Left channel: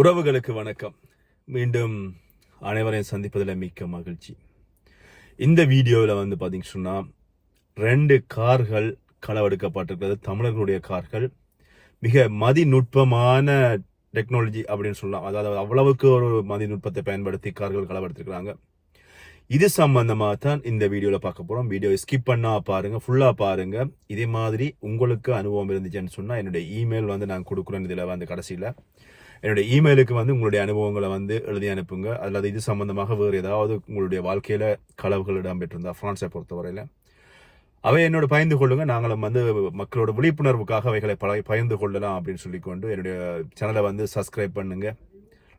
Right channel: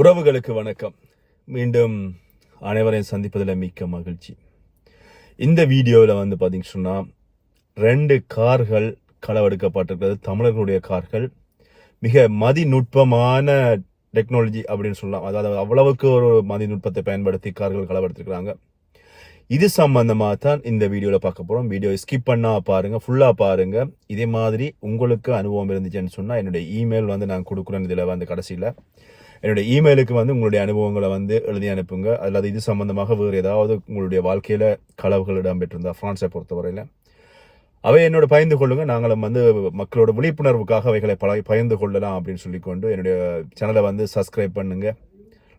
உறவுகளுக்கு வணக்கம். மீண்டும் அனைவரையும் சந்திப்பதில் மிக்க மகிழ்ச்சி. இந்த வீடியோவில் வந்து பார்த்தீங்கன்னு சொன்னால் ரெண்டு கார்கள் களவெடுக்கப்பட்டிருக்கிறது. தமிழர்களுடைய கார்கள். மிக மதிநுட்பமான டெக்னாலஜி அப்படின்னு சொல்லலாம். அதாவது அவ்வளவுக்கு ஒரு மதிநுட்பத்தை பயன்படுத்தி கார்கள் களவெடுத்திருக்கிறாங்க. இது சம்பந்தமாக தான் இந்த வீடியோவில் பார்க்க போகிறோம் வீடியோ ஸ்கிப் பண்ணால் பாருங்கள் ஃபுல்லாக பாருங்கள் இதே மாதிரி உங்களுக்கு அனுபவம் இருந்துச்சுன்னு சொன்னால் என்னுடைய இமெயில் வந்து நான் கொடுக்குறேன். இதில் வந்து கடைசியில். என்னுடைய இமெயிலுக்கு வந்து உங்களுடைய அனுபவங்களை வந்து எழுதி அனுப்புங்க. அல்லது இது சம்பந்தமாக வேறு ஏதாவது உங்களுடைய வாழ்க்கையில் கலவுகள் இடம்பெற்றிருந்தா ஃப்ரான்ஸை பொறுத்தவரையில். அவை என்னோட பயந்து கொள்ளுங்க. நாங்களும் வந்து மக்களோட விழிப்புணர்வுக்காக அவைகளை பழ பயந்து கொள்ளலாம் அப்படின்னு சொல்லிக்கொண்டு என்னுடைய சேனலை வந்து சப்ஸ்கிரைப் பண்ணுங்க.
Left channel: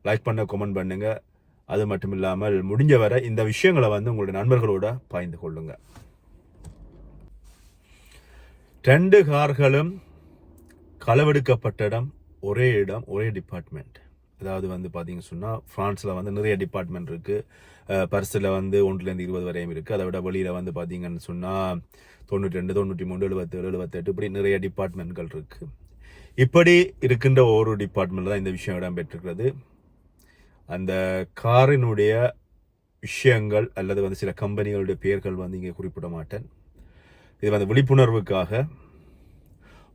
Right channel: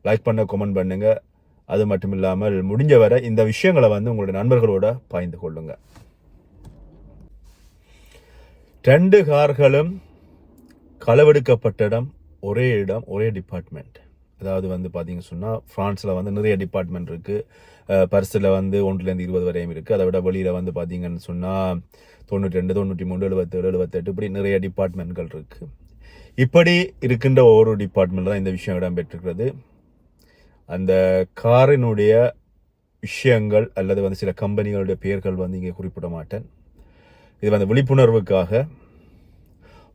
லைக் பண்ண கமெண்ட் பண்ணுங்க. அது மட்டும் இல்லாமல் முடிஞ்ச வரை இந்த விஷயங்களை வந்து உங்களுடைய நண்பர்களோட பகிர்ந்து கொள்ளுங்க. ரெண்டு கார்களும் களவெடுக்கப்பட்ட இடம். ஒரே இடம் ஒரே டிபார்ட்மெண்ட் அதாவது வந்து பார்த்தீங்க சொன்னால் ஃப்ரான்ஸில் வந்து நிறைய டிபார்ட்மெண்ட் இருக்குது பர்ஸில் வந்து ஒன்றுலேருந்து இருபது வரையும் இருக்குது அதை விட வெளியில் வந்து பார்த்தீங்கன்னு சொன்னால் தொண்ணூற்றி ரெண்டு தொண்ணூற்றி மூணு எழுபத்தேழு எழுபத்தெட்டு இப்படி நிறைய டிபார்ட்மெண்ட்கள் இருக்குது இப்படி இருக்கின்ற ஒவ்வொரு டிபார்ட்மெண்ட்டில் தான் இந்த விஷயம் இடம்பெற்றிருக்கிறது. அந்த காரினுடைய விஷயங்கள் அல்லது வந்து சில கம்பெனிகளுடைய பெயர்கள் வந்து இங்கே குறிப்பிட மாட்டேன் இது வந்து விழிப்புணர்வுக்காக.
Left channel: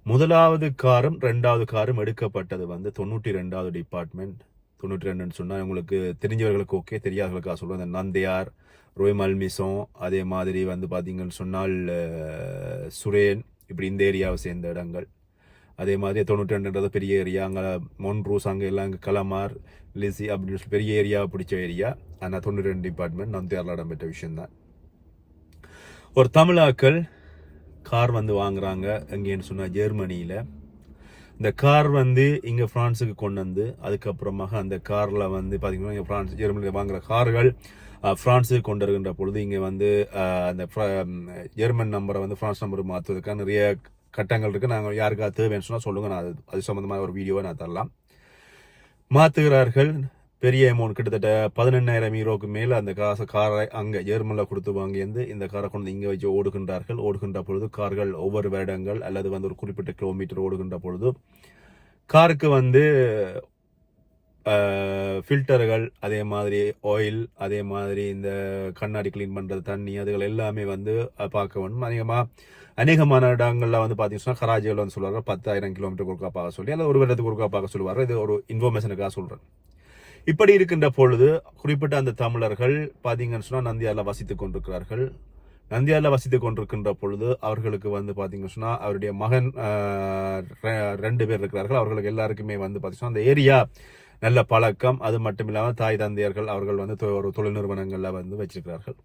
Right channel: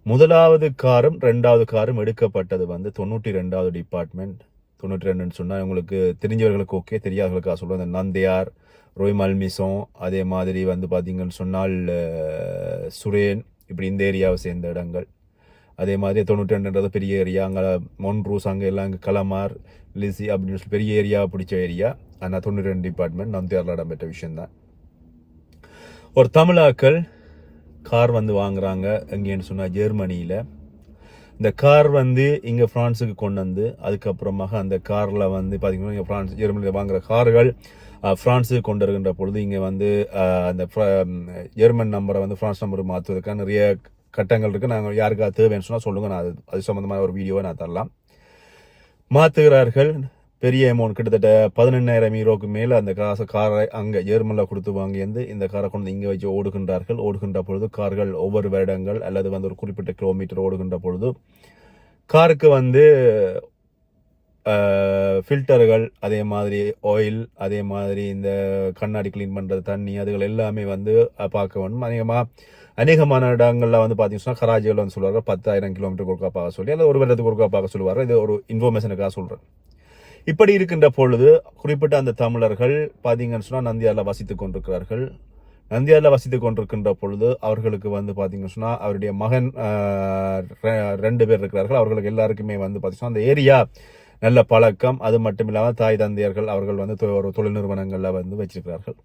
முதலாவது காரும் ரெண்டாவது காரும் எடுக்கப்பட்டது வந்து தொண்ணூற்றி ரெண்டாவது டிபார்ட்மெண்ட் தொண்ணூற்றி ரெண்டுன்னு சொன்னால் உங்களுக்கு தெரிஞ்சவர்களுக்கு ஓகே தெரியாதவர்களுக்காக சொல்லுவோம் இந்த நந்தியார் ரோய் மல்மிசோம் அதே மாதிரி வந்து பார்த்தீங்கன்னு சொன்னால் சுரேன் இப்படி இந்த ஏரியாவை சேர்ந்த இடங்கள். அதே மாதிரி தொண்ணூற்றி ரெண்டுன்றது பெரிய ஏரியா. அங்கே மொன்ரூஸ் அங்கே எல்லாம் அங்கே கலமார் லிசி அப்படின்னு சொல்லி பெரிய ஏரியாவை பிடிச்ச ஏரியா. ஆனால் தொண்ணூற்றி ரெண்டு டிபார்ட்மெண்ட் நந்தியாரில் இடம்பெற்ற விஷயந்தான் ஒரு தமிழாக்கள் கார் வந்து வாங்குறாங்க எங்கேன்னு சொன்னால் ஜெர்மனியில். இந்த கார் வந்து இங்கே ஃப்ரான்ஸுக்கு கொண்டு வந்து அதுக்கப்புறமாக அந்த காரில் வந்து பார்த்தீங்கன்னா இங்கே ஃப்ரான்ஸ் ஜெர்மனியில் வாங்குற கார்கள் ஃப்ரான்ஸுக்கு கொண்டு வருகின்ற பொழுது இங்கே வந்து அந்த ஃப்ர- ஜெர்மன் நம்பரை வந்து ஃப்ரான்ஸ் நம்பருக்கு மாற்றுவதற்கான நிறைய கட்டங்கள் இருக்குது நாங்கள் யாருக்காக தேவைன்னு சொன்னால் சொல்லுங்கள் நான் அது அது சம்மந்தமான ஒரு வீடியோவை நான் தரலாம். மாற்றுகிறார்கள் பெரிய அமௌண்ட் கிட்டத்தட்ட பதினெண்ணாயிரம் ஈரோக்கு மேலே அந்த காசை காரை அங்கே ஜெர்மனில் கொடுத்து வாங்கியிருந்து இந்த காரை கொண்டு இங்கே வச்சு ஓடுகின்றார்கள். ஓடுகின்ற பொழுது கார்கள் ஒவ்வொரு வருடங்கள் அல்லது வந்து ஒரு குறிப்பிட்ட கிலோமீட்டர் ஓடுகின்ற பொழுது காருக்கு வந்து ஃபில்டர்கள் அதே மாதிரி ஆயில் அதே மாதிரி இந்த கண்ணாடி க்ளீன் பண்ணுற தண்ணி அதுகள் எல்லாமே வந்து பார்க்க வேண்டும். அதிகமாக அநேகமான இடங்களில் வந்து பார்த்தீங்கன்னா கராஜிகள் வந்து சொல்லுவாங்க பத்தாயிரம் கிலோமீட்டர் ஒருக்கா பார்க்க சொல்லி அல்லது ஒரு வருடத்துக்கு ஒருக்கா பார்க்க சொல்லுவார் இது ஒரு இன்ஃபர்மேஷனுக்காக சொல்கிறேன் இப்படி இருக்கின்ற பொழுது குறிப்பிட்ட அந்த தமிழர்கள் பார்த்தீங்கன்னு சொன்னால் நந்தியாரில் வசித்துக் கொண்டிருக்கிறார்கள். நந்தியாரில் வசித்துக் கொண்டிருக்கின்ற பொழுது அவர்களுக்கு வந்து பார்த்தீங்கன்னு சொன்னால் அவருடைய மகன் ரெ- ரெண்டு பேர் இருக்கிறார்கள். அவர்களுக்கு எல்லாருக்குமே வந்து பார்த்தீங்கன்னா அந்த ஏரியா நல்ல பழக்கம். அது மட்டும் இல்லாமல் தாய் தந்தையர்கள் அவர்கள் வந்து தொ- ஒரு தொழில் நிறுவனங்களில் வந்து வச்சிருக்கிறார்கள்.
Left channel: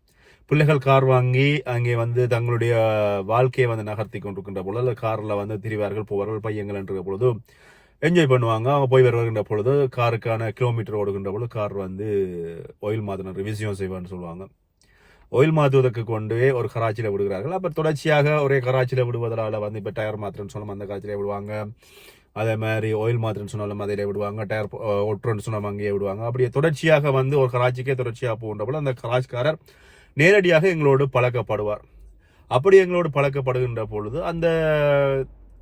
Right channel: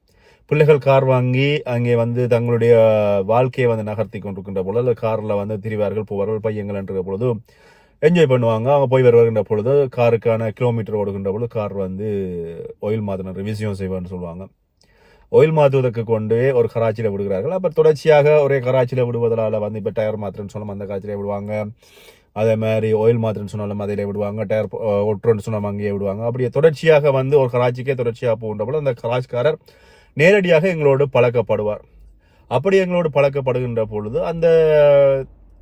பிள்ளைகள் கார் வாங்கி அங்கே வந்து தங்களுடைய வாழ்க்கையை வந்து நகர்த்தி கொண்டிருக்கின்ற பொழுது காரில் வந்து திரிவார்கள் போவார்கள் பையங்கள் என்ற பொழுது என்ஜாய் பண்ணுவாங்க. அவங்க போய் வருகின்ற பொழுது காருக்கான கிலோமீட்டர் ஓடுகின்ற பொழுது கார் வந்து ஆயில் மாற்றின ரிவிசியம் செய்வான்னு சொல்லுவாங்க. ஆயில் மாற்றுவதற்கு கொண்டு ஒரு கராச்சியில் விடுகிறார்கள். அப்போ தொடர்ச்சியாக ஒரே கராச்சியில் விடுவதால் வந்து இப்போ டயர் மாத்திரன்னு சொன்னாலும் அந்த கராச்சியில் விடுவாங்க. அதே மாதிரி ஆயில் மாத்திரன்னு சொன்னாலும் அதில் விடுவாங்க. டயர் ஒட்டுறன்னு சொன்னாலும் அங்கேயே விடுவாங்க. அப்படியே தொடர்ச்சியாக வந்து ஒரு கராச்சிக்கே தொடர்ச்சியாக போகின்ற போல அந்த கராச்சிக்காரர் நேரடியாக எங்களோடு பழக்கப்படுவார். அப்படி எங்களோடு பழக்கப்படுகின்ற பொழுது அந்த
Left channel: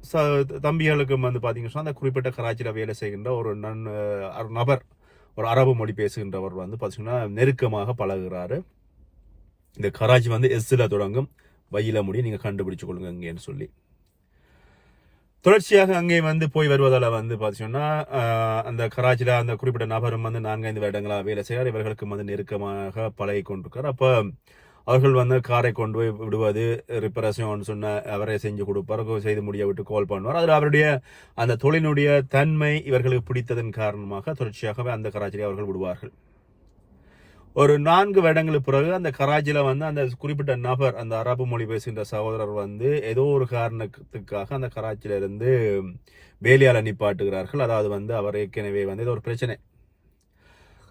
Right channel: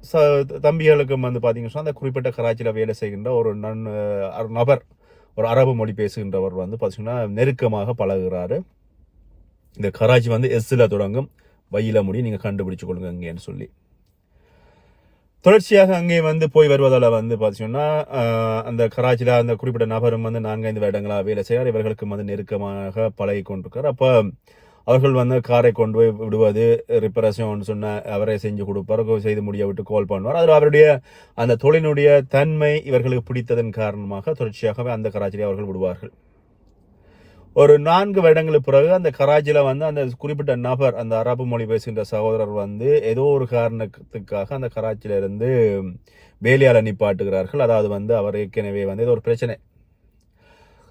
ச தம்பிகளுக்கும் வந்து பார்த்தீங்கன்னு அந்த குறிப்பிட்ட கராச்சியில் வேலை செய்கின்ற ஒரு நன் அஹ், நபர் ஒரு அரபு மொழி பேசுகின்றவர் வந்து பார்த்தீங்கன்னா நெருக்கமாக பழகுறாரு. இந்த கராச்சி வந்து எஸ்ஸில் தொடங்கும். வயில முடி நீங்கள் கண்டுபிடிச்சு கொள்ளுங்க இங்கேன்னு சொல்லி. தொடர்ச்சியாக அங்கே வந்து போய் வருவதால் வந்து பார்த்தீங்கன்னா அந்த கராச்சியில் அந்த குறிப்பிட்ட நபரும் வந்து நான்கைந்து வருடங்களாக வேலை செய்கிறார். இவர்களுக்கும் வந்து நெருக்கமாக பழகி கொண்டிருக்கார் அப்போ அவர்கள் வந்து காரை கொண்டு போய் விடுவது ரிப்பரேஷன் சொன்ன அவரே செஞ்சு கொடுப்பார். செய்து முடிய விட்டு கால் பண்ணுவார். அதில் அவருடைய அந்த தொழிலினுடைய தன்மை இவர்களுக்கு பிடித்ததன் காரணமாக தொடர்ச்சியாகவே அந்த கராச்சியை அவர்கள் விடுவார்கள். ஒரு நான்கு வருடங்களுக்கு பிறகு அந்த கராச்சியில் வந்து அந்த குறிப்பிட்ட நபர் அந்த அரபு மொழி பேசுகின்ற சகோதரர் வந்து ஏதோ ஒரு காரணத்துக்காக அந்த கராச்சியிலிருந்து வேலையால் வேலையால நிப்பாட்டுகிறார்கள். அதாவது வந்து அவர் ஏற்கனவே வந்து ஏதோ ஒரு பிரச்சனை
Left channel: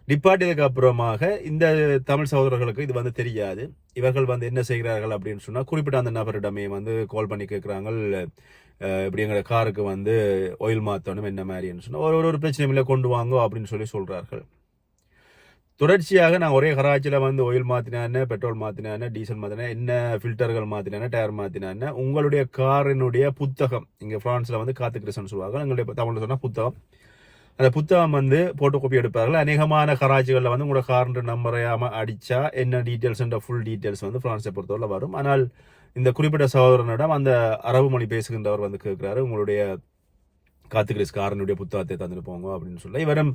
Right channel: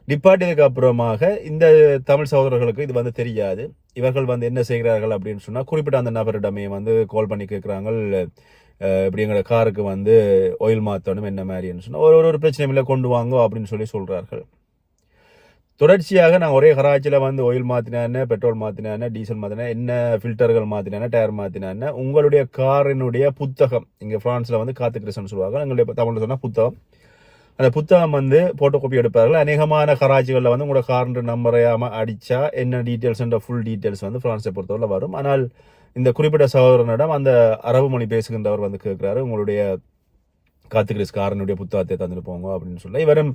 நிப்பாட்டியதுக்கு அப்புறமாக இந்த தமிழ் சகோதரர்களுக்கு இது வந்து தெரியாது. இவர்கள் வந்து என்ன செய்கிறார்கள் அப்படின்னு சொன்னால் குறிப்பிட்ட அந்த நபரிடமே வந்து கால் பண்ணி கேட்குறாங்க இப்படி எங்களோட காருக்கு வந்து ஆயில் மாற்றணும் என்ன மாதிரின்னு சொன்னால் ஒரு ஒரு- ஒரு இல்லை கொண்டு வாங்க அப்படின்னு சொல்லி சொல்கிறார்கள் தொடர்ச்சியாக நான் ஒரே கராச்சியில் வந்து ஆயில் மாற்றினேன் பெட்ரோல் மாற்றினேன் டீசல் மாற்றினேன் என்ன ஃபில்டர்கள் மாற்றினேன் டயர் மாற்றினேன் உங்களுடைய காரினுடைய புத்தகம் இங்கே ஃப்ரான்ஸில் வந்து காத்து கிறிஸ்டன் சொல்லுவாங்க எங்களுடைய தமிழில் சொன்னால் புத்தகம். அந்த புத்தகம் வந்து போட்டோ காப்பி எடுப்பார்கள். அநேகமான கராச்சிகளில் வந்து உங்களோட கார்ன்ற நம்பரையாம அடித்தா என்ன டீட்டெயில்ஸ்ன்ற ஃபுல் டீட்டெயில்ஸ் வந்து ஃப்ரான்ஸை பொறுத்தவரை வரும். ஆனால் இந்த குறிப்பிட்ட சகோதரனிடம் அந்த அரபு மொழி பேசுகின்றவர் வந்து கேட்குறாரு உங்களுடைய காத்துக்கிறிஸ் காரனுடைய புத்தகத்தை தந்துட்டு போங்க அப்படின்னு சொல்ல. இவரும்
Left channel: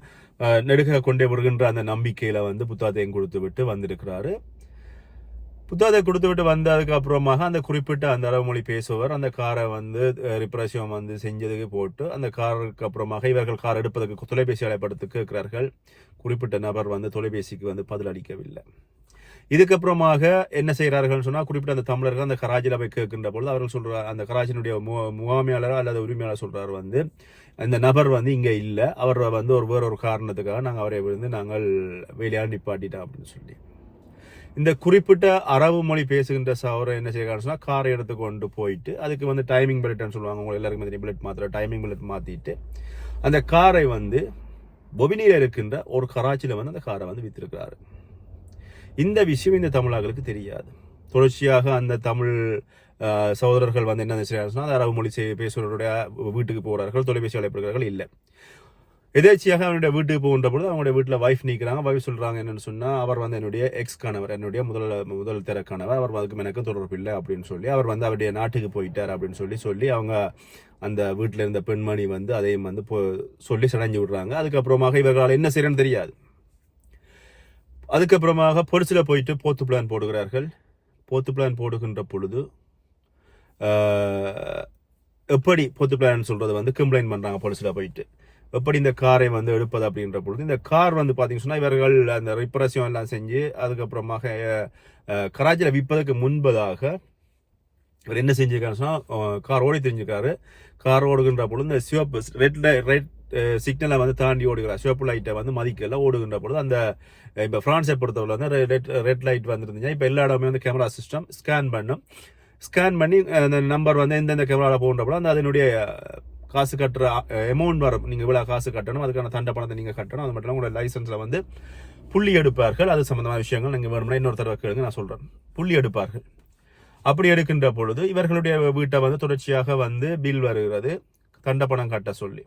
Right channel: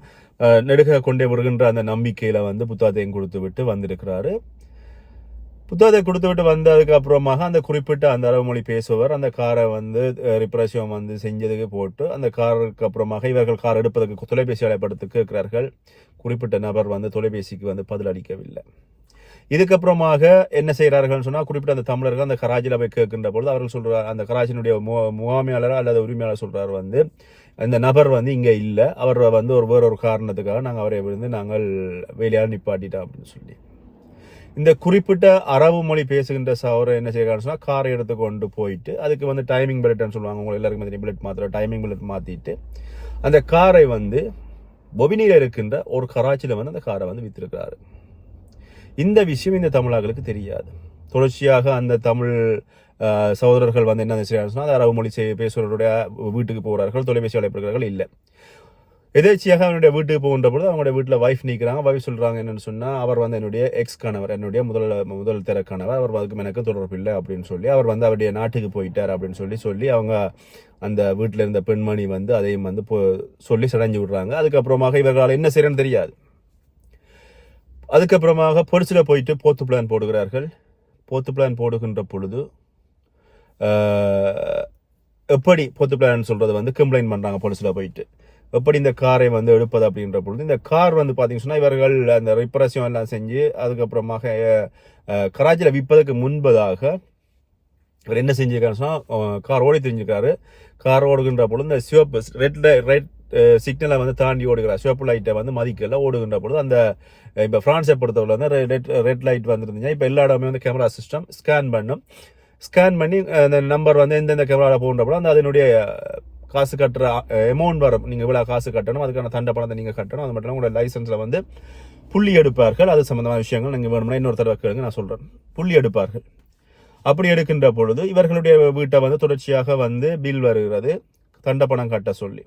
நெடுக கொண்டே வருகின்ற அந்த நம்பிக்கையில் வந்து புத்தகத்தையும் கொடுத்து விட்டு வந்திருக்கிறாரு. புத்தகத்தை கொடுத்து விட்டு வந்ததுக்கு அப்புறமாக அந்த குறிப்பிட்ட அந்த அரபு மொழி பேசுபவர் அந்த காரை வந்து ரிப்ரேஷன் வந்து செஞ்சதுக்கு போட்டு அந்த காருக்கு அப்புறமாக இவர்கள் கார் எடுப்பதற்கு தொலைபேசி அழைப்படுத்து கேட்கிறார்கள். குறிப்பிட்ட நபர் வந்து தொலைபேசிக்கு வந்து பதில் அளிக்கவில்லை. இதுக்கப்புறமாக என்ன செய்கிறார்கள் சொன்னால் குறிப்பிட்ட அந்த தமிழர்கள் அந்த கராச்சியில் போய் கேட்கின்ற பொழுது அவர்கள் சொல்கிறார் அந்த கராச்சியினுடைய மு- முகாமையாளர் அல்லது உரிமையாளர் சொல்கிறார் வந்து அந்த நபர் வந்து இங்கே இல்லை. அவர் வந்து ஒரு வேற ஒரு காரணத்துக்காக நாங்கள் அவரை வந்து நாங்கள் வெளியால் நிப்பாட்டிட்டோம் அப்படின்னு சொல்லி. இந்த குறிப்பிட்ட அரபு மொழி பேசுகின்ற சவரை என்ன செய்யறான்னு காரை எடுத்து கொண்டு போயிட்டு அதுக்கு வந்து டைமிங் பிளட்னு சொல்லுவாங்க. உங்களுக்கு எல்லாருக்கும் தெரியும். பிளட் மாத்திர டைமிங் பிளட் மாத்திட்டு அந்த காரை வந்து பொபினியில் இருக்கின்ற ஒரு கராச்சியில் வந்து அந்த காரை வந்து வித்திருக்கிறாரு. இந்த விஷயம் இந்த தமிழர்களுக்கு தெரியாது. தொடர்ச்சியாக அந்த தமிழ் சகோதரர்கள் வந்து என்ன செய்யறாங்க சொன்னால் அந்த அரபு மொழி செய்- வீட்டுக்கு போகிறார்கள் தொலைபேசி அழைப்புகிறார்கள் இல்லை. எதேச்சியாக அவனுடைய வீட்டுக்கு போகின்ற பொழுது அவங்களுடைய வீட்டில் வைஃப் நிற்கிறாங்க. வைஃப் சொல்கிறாங்க என்னன்னு சொன்னால் அவர் வந்து என்னுடைய எக்ஸ் கணவர் என்னுடைய முதல் முதல் திறக்கணவர். கணவர் அவர் அதுக்கு எனக்கு தொடர்பு இல்லை அப்படின்னு சொல்லி அவர் வந்து அவருடைய நாட்டுக்கு போயிட்டார் அப்படின்னு சொல்லி சொல்லி அவங்க அந்த வீட்டில் இருந்த பெண்மணி வந்து அதையும் வந்து போ- சொல்லி சடைஞ்சு விடுறாங்க. அதுக்கப்புறமாக இவர்களால் என்ன செய்யறன்னு தெரியாது. அதுக்கப்புறமாக பொலிசில் போயிட்டு போத்து பிளான் போடுகிறார்கள். போத்து பிளான் போடுகின்ற பொழுது எப்படி போத்து பிளான் சொல்கிறது வந்து கம்ப்ளைண்ட் பண்ணுறாங்க போலீஸ்ல போயிட்டு. எப்படி இந்த காரை வந்து எடுப்பது அப்படின்ற பொழுது இந்த கார் வந்து பாத்தீங்கன்னா இவர்கள் அந்த ரிப்பரேஷன் எல்லாம் செஞ்சு அதுக்கப்புறமாக கராச்சியில் விற்பதற்கு முன்பதாக இவர் என்ன செஞ்சிருக்காருன்னு கார் ஓடி தெரிஞ்சிருக்காரு. கார் ஓடுகின்ற பொழுது இந்த சிவப்பு ரெட் ரெட் சிக்னலை வந்து தாண்டி ஓடுகிறார். சிவப்பு லைட்டை வந்து மதிக்கல. ஓடுகின்ற பொழுது அந்த இப்போ ஃப்ரான்ஸை பொறுத்தவரை வந்து ரெட் ரெட் லைட் வந்துருந்துச்சு இப்போ எல்லா இடமே வந்து கேமரா சிஸ்டம் ஸ்கேன் பண்ணும். ஸ்கேன் பண்ணி அந்த நம்பர் வந்து எந்தெந்த கேமராவில் போகின்றப்போ அந்த அதனுடைய காசு கட்டுற அமௌண்ட் வரும் நீங்கள் இவ்வளோ காசு கட்டணும் அதுக்கான தண்டை பணத்தை நீங்கள் கட்டணும் அது மட்டும் இல்லாமல் உங்களோட லைசன்ஸில் வந்து புள்ளி எடுப்பார்கள். அது சம்மந்தமான விஷயங்கள் நீங்கள் வேணும்னா இன்னொரு தடவை கேளுங்க நான் சொல்கிறேன் புள்ளி எடுப்பார்கள். அப்படி எடுக்கின்ற பொழுது இவர்களுடைய வீட்டை வந்து தொடர்ச்சியாக வந்து பில் வருகிறது. தண்ட பணம் கட்ட சொல்லி.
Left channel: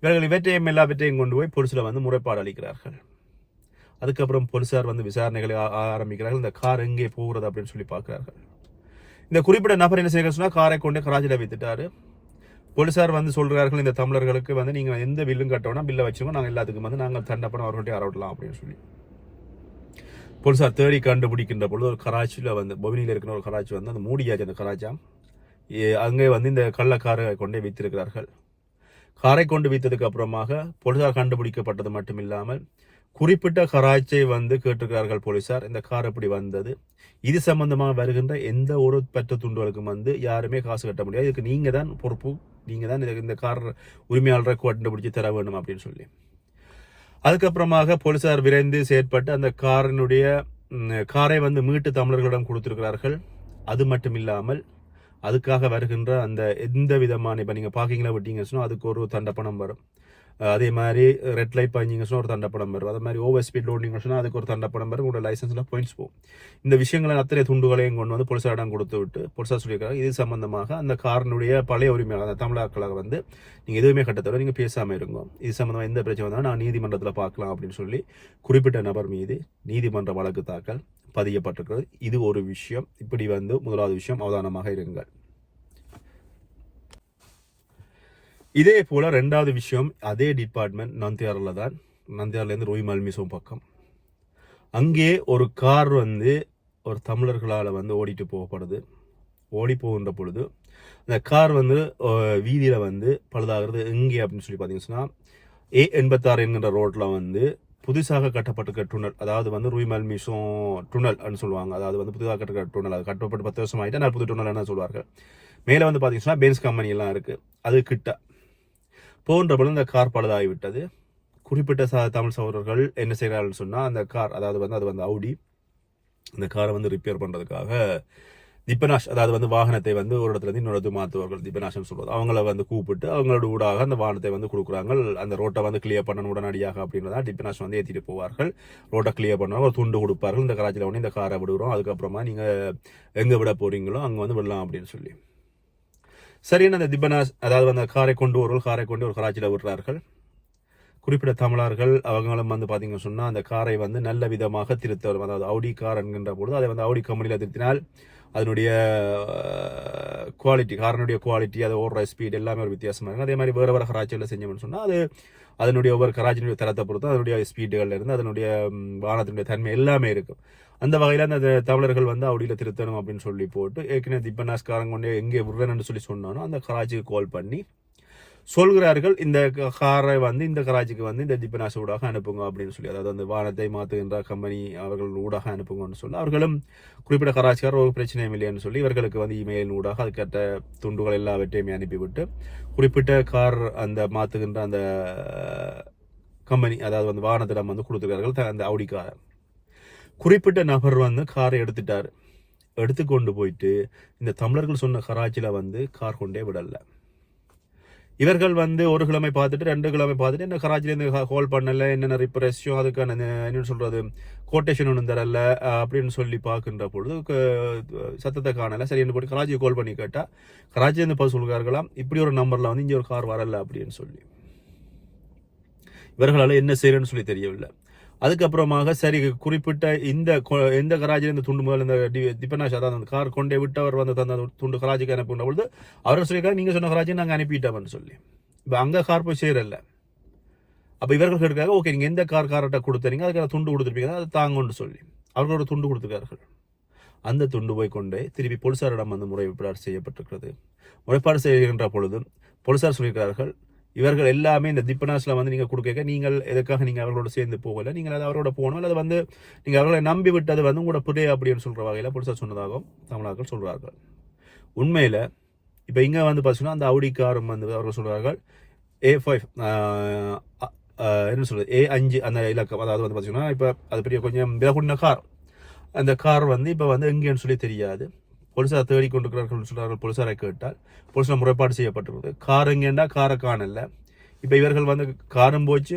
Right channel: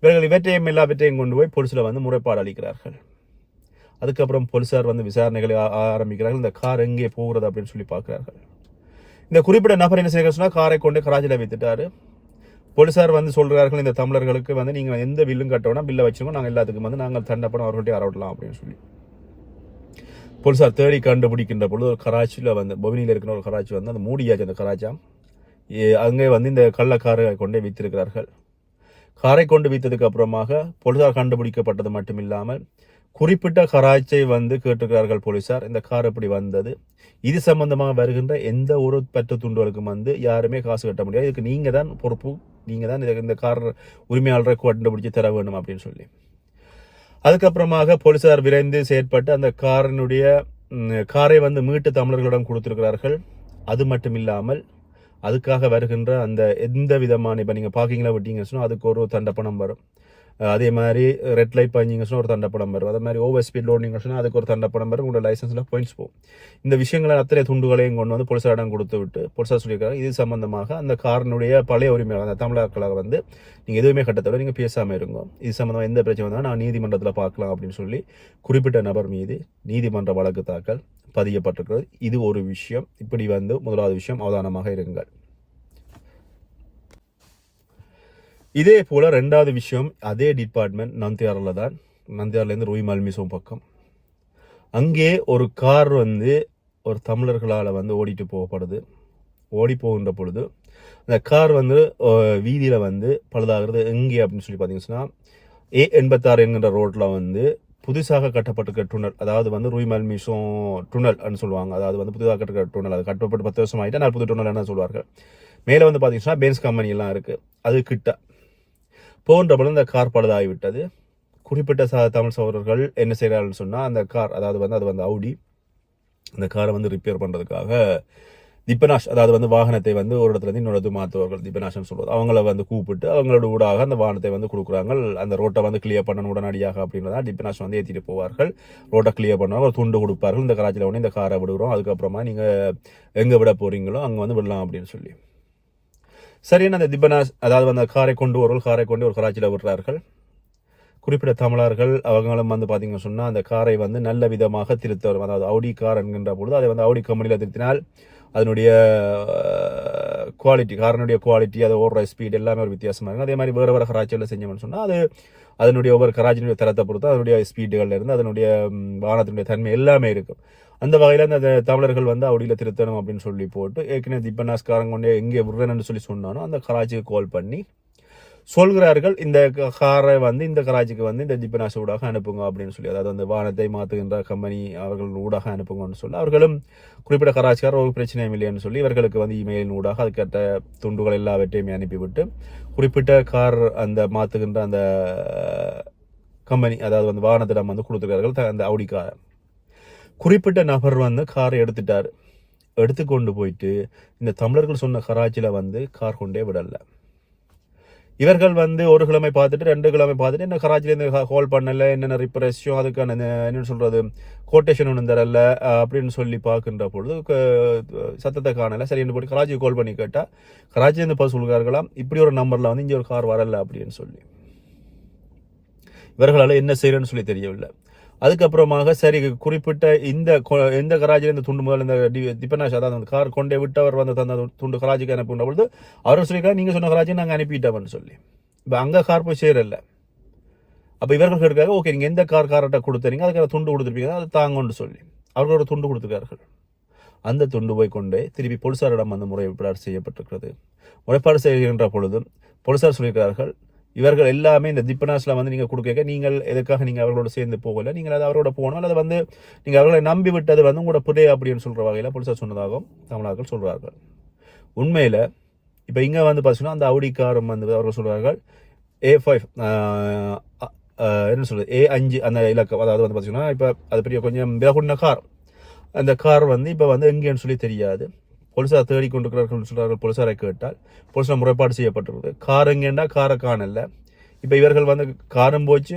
இவர்கள் இவற்றையும் எல்லாவற்றையும் கொண்டு போய் போலீஸில் வந்து முறைப்பாடு அளிக்கிறார்கள். அதுக்கப்புறம் போலீஸார் வந்து விசாரணைகளை ஆ- ஆரம்பிக்கிறார்கள். இந்த கார் எங்கே போகிறது அப்படின்னு சொல்லி பார்க்குறார்கள். இந்த குறிப்பிட்ட நபர் என்ன செய்கிறார் சொன்னால் காரை கொண்டு கராச்சியில் வைத்துட்டாரு. போலீசார் வந்து சொல்கிறார்கள் இந்த தமிழர்களுக்கு வந்து நீங்கள் எந்த பில்லும் கட்டணும் பில்லை வச்சுக்கோ நாங்கள் எல்லாத்துக்கும் வந்து நாங்கள் தண்டப்பணம் அவர்கள்ட்ட அறவிடலாம் அப்படின்னு சொல்லி. போலீஸார் தேடி கண்டுபிடிக்கின்ற பொழுது ஒரு கராச்சியில் வந்து பொவினியில் இருக்கிற ஒரு கராச்சி வந்து அந்த மூடியாச்சு அந்த கராச்சாம். ஏ- அங்கே வந்து இந்த கள்ளக்காரை கொண்டே வைத்திருக்கிறார்கள். காரை கொண்டு வைத்ததுக்கு அப்புறமாக போலீசார் கண்டுபிடிக்கப்பட்டது மட்டும் இல்லாமல் குறிப்பிட்ட கராச்சை வந்து கேட்டிருக்கிறார்கள் போலீசார் இந்த கார் எப்படி வந்தது இது சம்பந்தமாக வருகின்ற எந்த ஒரு பெற்ற துண்டுகளுக்கும் வந்து யாருமே காசு கட்ட முடியாது. இதுக்கு நீங்கள் தான் பொறுப்பு. நீங்கள் தான் இதுக்கு இந்த கார் உரிமையாளரை கண்டுபிடிச்சு தர வேண்டும் அப்படின்னு சொல்லி. அதுக்கப்புறமாக போலீசார் விரைந்து செயற்பட்டு அந்த காரினுடைய காரை வந்து மீட்டு தமிழர்களிடம் கொடுத்துருக்கிறார்கள். அது மட்டும் இல்லாமல் அதுக்காக வருகின்ற அந்த எந்த விதமான இப்போ நீங்கள் பார்க்கிங்கில் விட்டீங்கன்னு சொன்னால் அதுக்கு ஒரு தண்டப்பணம் வரும். அதே மாதிரி ரெட் லைட் பண்ணிங்க சொன்னால் ஒரு தண்டப்படம் வரும். அதே மாதிரி ஓவர் ஸ்பீட் லோடிங்க சொன்னால் அதுக்கு ஒரு தண்டப்படம் வரும். உங்களோட லைசன்ஸில் பாயிண்ட்ஸ் போகும். இந்த விஷயங்களை அத்தனை துண்டுகளையும் கொண்டு வந்து போலீசாரிடம் கொடுத்து விட்டு போலீசார் சொல்லியிருக்காங்க. இது சம்பந்தமாக அந்த காரனுடைய பழைய உரிமையாளர் அந்த தமிழர்களாக வந்து நீங்கள் எதுவுமே கட்டத்தவிர நீங்கள் பேசாமல் இருங்க. இது சம்மந்தமாக எந்த பிரச்சனை வந்தாலும் நான் நீதிமன்றத்தில் பார்க்கலாம் அப்படின்னு சொல்லி குறிப்பிட்ட நபர் மீது நீதிமன்ற வழக்கு தாக்கல் பதியப்பட்டிருக்கிறது. இது ஒரு விஷயம். இப்படி வந்து முதலாவது விஷயம் அவதானமாக இருங்கள். இதே போல் ரெண்டாவது விஷயம் அதே டிபார்ட்மெண்ட் நந்தியாரில் தான். நந்தியார்லேருந்து ரூய் மல்மிசோம் பக்கம். அங்கே ஒரு கார் வந்து ஒரு தமிழர்களால் வந்து ஓடிட்டு போகப்படுது. ஓடி போகின்ற பொழுது அந்த கார் வந்து வீதியில் வந்து பழுதாகிறது எங்கே அப்படின்னு சொல்லி பார்த்தீங்கன்னா ஏ எண்பத்தாறு என்கின்ற ரோட்டில் வந்து புதுசாக கட்டப்பட்டிருக்க டுனல் அதாவது வந்து ரூய் மல்மிசோம் டுனல் அப்படின்னு சொல்லுவாங்க. அதாவது வந்து புதுசாக கட்டப்பட்ட டுனல் அது கட்டப்பட்டு பத்து வருஷம் ஆகிட்டு நான் புது டுனல் என்ன சொல்லுவார்கள் மேலே வந்து பார்த்தீங்கன்னா பென்ஸ் கம்பெனி எல்லாம் இருக்குது அது கிட்ட. போன்ற பொழுது கார் பழுதாகிவிட்டது. குறிப்பிட்ட ச தமிழ் சகோதரர்கள் என்ன செய்கிறார்கள் சொன்னால் அந்த கார் அதாவது வந்து அது வந்து அவுடி அந்த காரை வந்து ரிப்பேர் பண்ணுறதுக்காக திப்பனாஷ் அதாவது வந்து வாகனத்தை வந்து ஒரு இடத்துல இருந்து இன்னொரு மாற்றுவார்கள் திப்பனாஷம் சொல்வது. அவங்கள வந்து கூப்பிட்டு அவங்களோட ஊடாக அந்த வாகனத்தை வந்து கொடுக்குறாங்க. அந்த ரோட்டை வந்து கிளியர் பண்ணணும் உடனடியாக அப்படின்றதா திப்பனாஷ் வந்து ஏற்றிட்டு போவார்கள். ரோட்டை கிளியர் பண்ணுவாங்க ஒரு துண்டு கொடுப்பார்கள். இந்த கராச்சியில் உடனே இந்த காரை விடுகிறோம். அதுக்கப்புறமா நீங்கள் எங்கே விட போகிறீங்களோ அங்கே வந்து விடலாம் அப்படின்னு சொல்லி. சரியான அந்த திபனாஸ் அதாவது அந்த காரை கொண்டு வருவோம் காரை கொண்டு ஒரு கராச்சியில் விடுறார்கள். குறிப்பிட்ட தமிழர்கள் அவங்களும் வந்து பார்த்தீங்கன்னு சொன்னால் அந்த காரை வந்து நல்ல விதமாக திருத்த வரும் அதாவது அவுடி கார் என்கின்ற பொழுது அதை வந்து அவுடி கம்பெனியில் திருத்தினால் அதனுடைய குவாலிட்டி காரனுடைய குவாலிட்டி அது ஓடுற ஸ்பீட் எல்லாமே ஒரு வித்தியாசமாக இருக்கும். அதே மாதிரி வேறு வேறு கராச்சியில் செஞ்சோம்னு சொன்னால் அது அதனுடைய ஒவ்வொரு கராச்சினுடைய தரத்தை பொறுத்து அதனுடைய ஸ்பீடுகள்லேருந்து அதனுடைய வாகனத்தினுடைய தன்மை எல்லாமே இருக்கும். அந்த வகையில் அந்த தமிழர்கள் வந்து அவுடியில் திருத்தணும் அப்படின்னு சொல்லி போட்டு ஏற்கனவே திப்பனாஸ்காரங்க கொண்டே எங்கே விடுறேன்னு சொல்லி சொன்னானோ அந்த கராச்சிக்கு கால் பண்ணி சொல்கிறார்கள் இந்த காரை வந்து இந்த கராச்சிக்கு வந்து இந்த திப்பனாஸ் ஊடாக அனுப்புங்க அப்படின்னு சொல்லி. அதாவது அந்த வானத்தை மாற்றுகின்ற கம்பெனி அவர்கள் ஊடாக அனுப்புங்கன்னு சொல்லி. அவர்களும் குறிப்பிட்ட கராச்சிக்கார் ஒரு பிரச்சனையும் இல்லைன்னு சொல்லி இவர்களுக்கு வந்து இமெயில் ஊடாக அதுக்கேற்ற துண்டுகள் எல்லாவற்றையுமே அனுப்பிவிட்டு குறிப்பிட்ட கார் அந்த மாற்றுகின்ற அந்த கம்பெனி அதாவது வந்து வாகனத்திடம் வந்து கொடுத்துருக்கார்கள் த- அந்த அவுடி காரை. குறிப்பிட்ட நபர் வந்து காரை எடுத்துட்டார். எடுத்து கொண்டு போயிட்டு இந்த தமிழர்கள் சொன்ன கராச்சியில் வந்து கார் கொண்டே விடலை. இவர்கள் வந்து ஒரு கிழமை பார்த்துட்டு ரெண்டு கிழமை பார்த்துட்டு என்ன கராச்சிலேருந்து கால் பண்ணலை என்னென்ன ரிப்பரேஷன் அதுக்கான என்னென்னு சொல்கிறது கோட்டேஷன் ஒன்றும் தரல அப்படின்னு சொல்லி பார்க்கின்ற பொழுது சத்தத்தை காணலை. சரி என்ன போட்டு கராச்சிக்கு கால் பண்ணி கேட்டால் கராச்சிலேருந்து பார்த்து சொல்கிறார்களாம் இப்படி ஒரு நம்பரில் வந்து இங்கே ஒரு கார் வரலை அப்படின்னு சொல்லி. இவர்களால் என்ன செய்கிறேன்னு சொல்லி தெரியவில்லை. அதுக்கப்புறமாக சரி குறிப்பிட்ட இந்த கொ- எந்த கராஜில் இந்த துண்டு முதல் இந்த டி- திப்பனாஷ் அதாவது அந்த கார் கொண்டே விட்டவர் வந்து தந்த துண்டு கராஜிக்கு அனுப்புன பொழுது அவர் சொல்லியிருக்காரு நீங்கள் சொன்ன கராஜி நாங்கள் அனுப்பிட்டோம்னு சொல்லி. இப்போ அங்கே கார் போய் சேரல. அப்போ இவர்கள் கேட்காங்க ஓகே நீங்கள் எந்த கார் கார்ட்ட கொடுத்துறீங்க? அதுக்கான துண்டு கொடுத்துருப்பீங்க அதை தாங்கன்னு சொல்லி. அவர்களோட துண்டு கொடுத்துருக்கார்கள். அந்த துண்டு போய் கொண்டே திருப்பி போலீசாரிடம் வந்து முறைப்பாடு செய்யப்பட்டிருக்கிறது. முறைப்பாடு செய்கின்ற பொழுது போலீசார் சொல்லியிருக்கிறார்கள் இவர்கள் எல்லாமே இந்த திப்பனாஸில் வந்து நீங்கள் கொடுக்க நீங்கள் எதுக்காக நீங்கள் அவர்களோட சேர்ந்து போகல? நீங்கள் அது அவரோட போகணும் அல்லது வந்து நீங்கள் அவர்களை நம்பி விட்டது வந்து உங்களோட புரிய அப்படின்னு சொல்கிற வகையில் புதுசாக சொன்னதாகவும் தமிழர்கள் சொல்கிறார்கள் உண்மையில் இப்போ இங்கே வந்து பார்த்தீங்கன்னா அந்த அவுடி காரும் வந்து அவர்கள் சொல்கிறார்கள் ஏ ஃபைவ் என்ன சொல்றது ஏ அஞ்சு அந்த இலக்கம் அதாவது வந்து பார்த்தீங்கன்னா இப்போ அது பெரிய கொஞ்சம் விலகுண்ட கார் அந்த கார் வந்து இப்போ வந்து எங்கேன்னு சொல்லி தெரியாது. போலீசார் தேடிக்கொண்டிருக்கிறார்கள் சொல்கிறார்கள் சொல்றார்கள் போலீசாரை கேட்டால் போலீசார் முறைப்பாடு செய்யப்பட்டிருக்கு கார் எங்கேண்டா காரை காணல. இப்போ இவர்கள் வந்து காரம் போச்சு.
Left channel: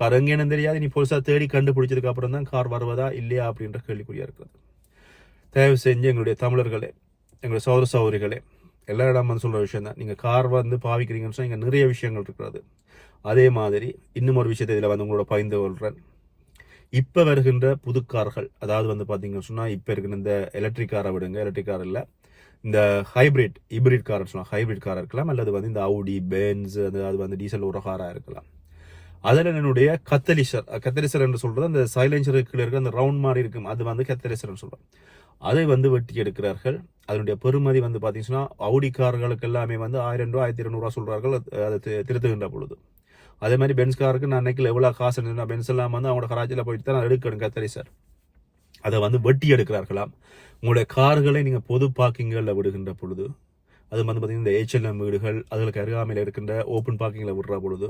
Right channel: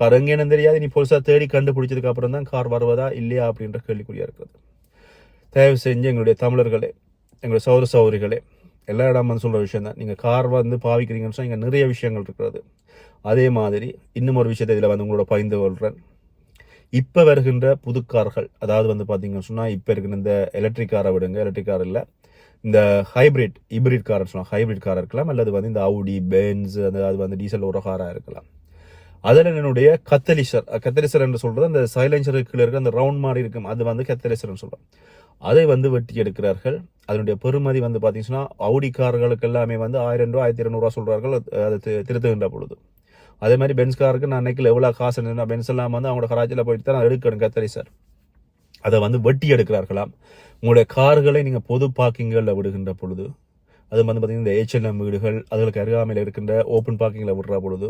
கார் எங்கேன்னு தெரியாது. நீ போலீசார் தேடி கண்டுபிடிச்சதுக்கு அப்புறம் தான் கார் வருவதா இல்லையா? அப்படின்ற கேள்விக்குறியாக இருக்கிறது. தயவு செஞ்சு எங்களுடைய தமிழர்களே எங்களுடைய சௌர சௌரிகளே எல்லா இடம் வந்து சொல்கிற விஷயம் தான். நீங்கள் கார் வந்து பாவிக்கிறீங்கன்னு சொன்னால் இங்கே நிறைய விஷயங்கள் இருக்கிறது. அதே மாதிரி இன்னும் ஒரு விஷயத்தை இதில் வந்து உங்களோட பகிர்ந்து கொள்கிறேன் இப்போ வருகின்ற புது கார்கள் அதாவது வந்து பார்த்தீங்கன்னு சொன்னால் இப்போ இருக்கிற இந்த எலக்ட்ரிக் காரை விடுங்க. எலக்ட்ரிக் கார் இல்லை. இந்த ஹைபிரிட் ஹைப்ரிட் கார் சொல்லலாம் ஹைபிரிட் கார் இருக்கலாம். அல்லது வந்து இந்த அவுடி பென்ஸ் அதாவது வந்து டீசல் ஒரு காராக இருக்கலாம். அதில் என்னுடைய கத்தலிசர் கத்தலிசர் என்று சொல்கிறது அந்த சைலன்சருக்கு இருக்கிற அந்த ரவுண்ட் மாதிரி இருக்கும். அது வந்து கத்தலிசர்னு சொல்கிறோம் அதை வந்து வெட்டி எடுக்கிறார்கள். அதனுடைய பெறுமதி வந்து பார்த்தீங்கன்னா அவுடி கார்களுக்கு எல்லாமே வந்து ஆயிரம் ரூபா ஆயிரத்தி இருநூறுவா சொல்கிறார்கள் அதை திருத்துகின்ற பொழுது. அதே மாதிரி பென்ஸ் காருக்கு நான் அன்னைக்கு எவ்வளோ காசு இருந்ததுன்னா பென்ஸ் எல்லாம் வந்து அவங்களோட கராச்சியில் போயிட்டு தான் எடுக்கணும் கத்தரி சார். அதை வந்து வெட்டி எடுக்கிறார்களாம். உங்களுடைய கார்களை நீங்கள் பொது பார்க்கிங்களில் விடுகின்ற பொழுது அது வந்து பார்த்தீங்கன்னா இந்த ஏச்எல்எம் வீடுகள் அதுகளுக்கு அருகாமையில் இருக்கின்ற ஓப்பன் பார்க்கிங்கில் விடுற பொழுது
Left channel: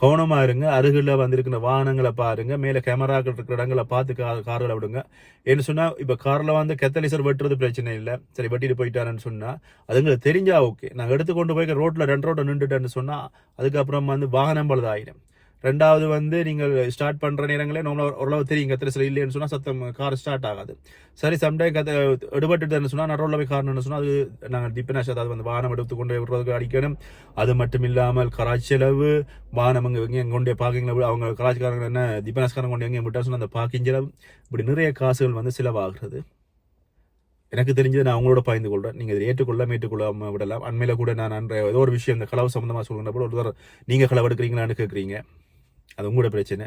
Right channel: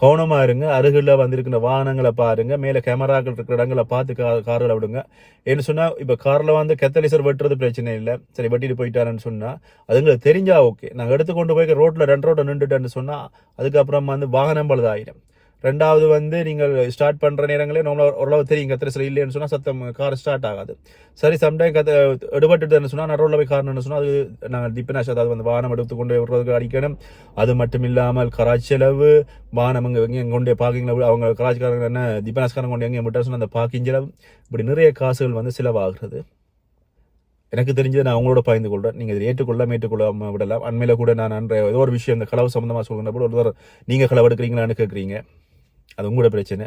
கவனமாக இருங்க அருகில் வந்திருக்கிற வாகனங்களை பாருங்க மேலே கேமராக்கள் இருக்கிற இடங்களை பார்த்து கா கார்களை விடுங்க. ஏன்னு சொன்னால் இப்போ காரில் வந்து கெத்தலிசர் வெட்டுறது பிரச்சனை இல்லை. சரி வெட்டிட்டு போயிட்டாருன்னு சொன்னால் அதுங்களுக்கு தெரிஞ்சால் ஓகே நாங்கள் எடுத்து கொண்டு போய் ரோட்டில் ரெண்டு ரோட்டை நின்றுட்டேன்னு சொன்னால் அதுக்கப்புறம் வந்து வாகனம் பழுதாயிடும் ரெண்டாவது வந்து நீங்கள் ஸ்டார்ட் பண்ணுற நேரங்களே நம்மள ஓரளவு தெரியும். கத்திரிசல் இல்லைன்னு சொன்னால் சத்தம் கார் ஸ்டார்ட் ஆகாது. சரி சம்டைம் கத்த எடுபட்டுன்னு சொன்னால் நடுவில் போய் காரணம்னு சொன்னால் அது நாங்கள் டிப்பினாஷ் அதாவது வந்து வானம் எடுத்து கொண்டு போய் விடுறதுக்கு அடிக்கணும். அது மட்டும் இல்லாமல் கராச்செலவு வானம் அங்கே இங்கே எங்கே கொண்டு போய் அவங்க கராச்சிக்காரங்க என்ன டிப்பினாஸ்காரங்க கொண்டு எங்கே விட்டா சொன்னால் அந்த பார்க்கிங் செலவு. இப்படி நிறைய காசுகள் வந்து செலவாகிறது. எனக்கு தெரிஞ்சது நான் அவங்களோட பகிர்ந்து கொள்கிறேன் நீங்கள் இதை ஏற்றுக்கொள்ளாம ஏற்றுக்கொள்ளாம விடலாம். அண்மையில் கூட நான் அன்றைய ஏதோ ஒரு விஷயம் இந்த களவு சம்மந்தமாக சொல்கிற போது ஒருத்தர் நீங்கள் களவு எடுக்கிறீங்களான்னு கேட்குறீங்க. அது உங்களோட பிரச்சனை.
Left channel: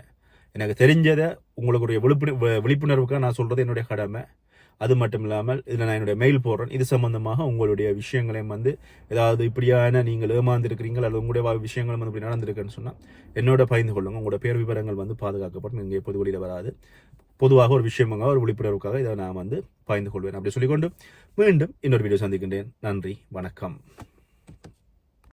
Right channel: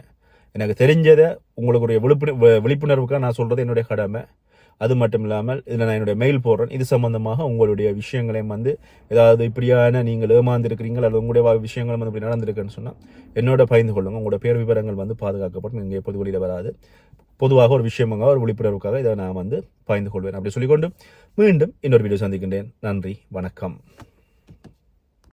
எனக்கு தெரிஞ்சதை உங்களுக்கு ஒரு விழிப்புணர்வுக்காக நான் சொல்கிறது என்னுடைய கடமை. அது மட்டும் இல்லாமல் இதில் நான் என்னுடைய மெயில் போடுறேன். இது சம்மந்தமாக உங்களுடைய விஷயங்களையும் வந்து ஏதாவது இப்படியான நீங்கள் ஏமாந்துருக்கிறீங்களா அல்லது உங்களுடைய விஷயங்களும் விஷயங்கள் வந்து இப்படி நடந்திருக்குன்னு சொன்னால் என்னோட பகிர்ந்து கொள்ளுங்கள் உங்களோட பேர் விவரங்கள் வந்து பாதுகாக்கப்படும். இங்கே எப்போது வெளியில் வராது. பொதுவாக ஒரு விஷயமாக ஒரு விழிப்புணர்வுக்காக இதை நான் வந்து பகிர்ந்து கொள்வேன். அப்படி சொல்லிக்கொண்டு மீண்டும் இன்னொரு வீடியோ சந்திக்கின்றேன். நன்றி. வணக்கம்.